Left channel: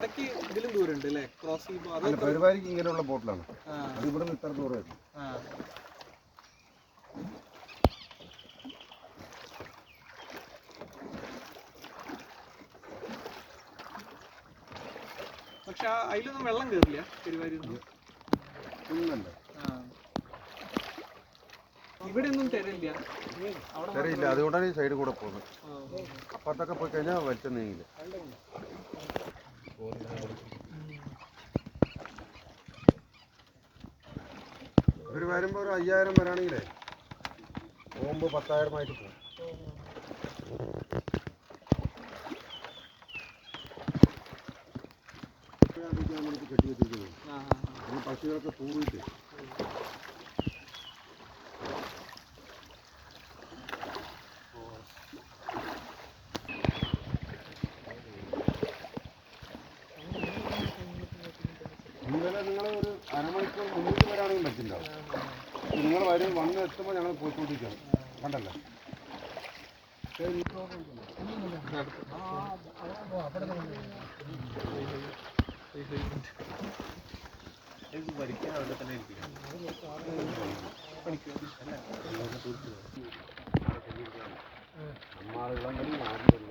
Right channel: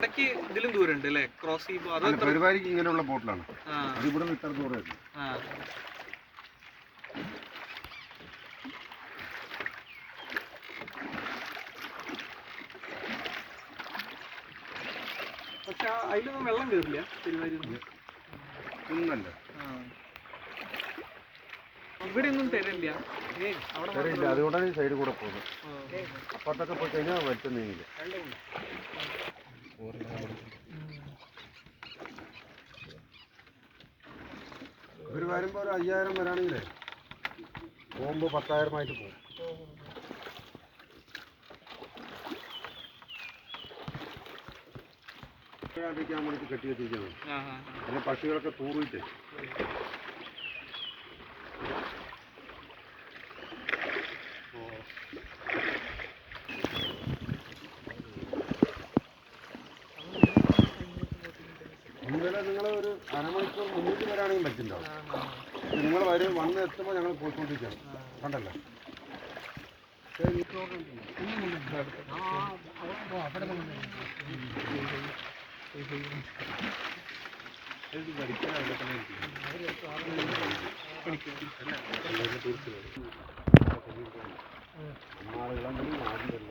ഇടയ്ക്ക് ഇതിലും ദൂരം ഉണ്ട് അല്ലേ ക്രോസ് ചെയ്യുമ്പോൾ അതോ എത്ര- പെരുവാരിക്ക് ഇങ്ങനെയുള്ള ബോട്ടിലാണ്. ഇവിടെ ഇത്ര ദൂരമായിരുന്നു പക്ഷെ അതിലൊന്നും വെള്ളം കയറില്ല പെരുവാരി ഒന്നല്ല ഇവിടെ ഒന്നും തരില്ല. അവിടെ ചെറിയില്ല അതുകൊണ്ടാണ് ഈ സൈഡിൽ കൂടെ പോകുന്നത്. അപ്പുറത്തൊക്കെ പോയി കഴിഞ്ഞാൽ വലിച്ച നീങ്ങില്ല ഇവർ വരുമ്പോൾ ഒരു അയ്യായിരം വരാണെങ്കിലേ ബോംബ് പത്തായിരം ആയിട്ട് പോകും കെട്ടി വെച്ചിരിക്കുന്നത്. പിന്നെ പക്ഷികളൊക്കെ തൂറിയിട്ട് രാവിലെ നിങ്ങൾ ഒരു അരമണിക്കൂർ മുന്നൂറ്റി വരാണെങ്കിൽ പറ്റുന്നുണ്ടാവും നിങ്ങൾ വരെ വന്ന് എത്തുമ്പോൾ ഞങ്ങൾ പോയിക്കൊണ്ടിരിക്കണം കണ്ടല്ലോ അമ്മാളുകളും ആദ്യം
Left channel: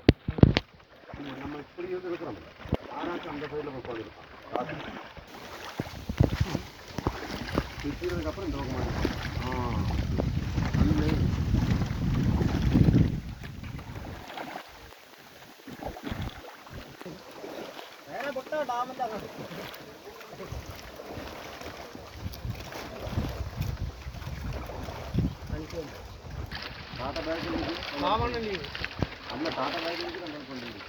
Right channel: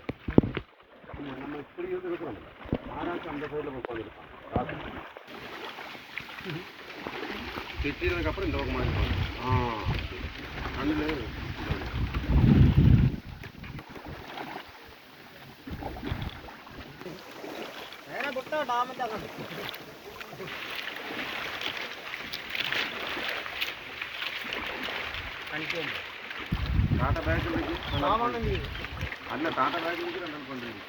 നമ്മൾ ഇപ്പോഴും ഇത് ആരാ ചന്തപ്പൂരിൽ പോയിക്കൊണ്ടിരിക്കാം போய் உட்காந்துருக்கான் திட்டினதுக்கு அப்புறம் இந்த பக்கம் மாறிடும் ஆ கண்ணில் ടാറ്റ ബാഗിലേക്ക് അല്ല ടാറ്റ ബാഗിലേക്ക് രണ്ടാൾ കൊണ്ടുവരും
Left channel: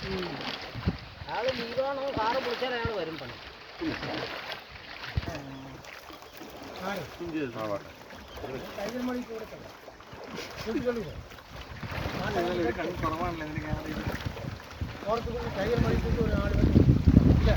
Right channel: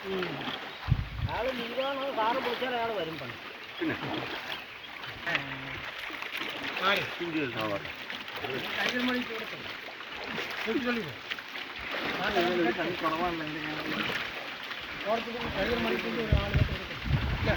അയാൾ ലീവാണോ കാറ് പൊളിച്ചാൽ അയാൾ വരും പണി போகிறதுக்கு டைகர் மணிக்கு ஒரு ஆள். இல்லை.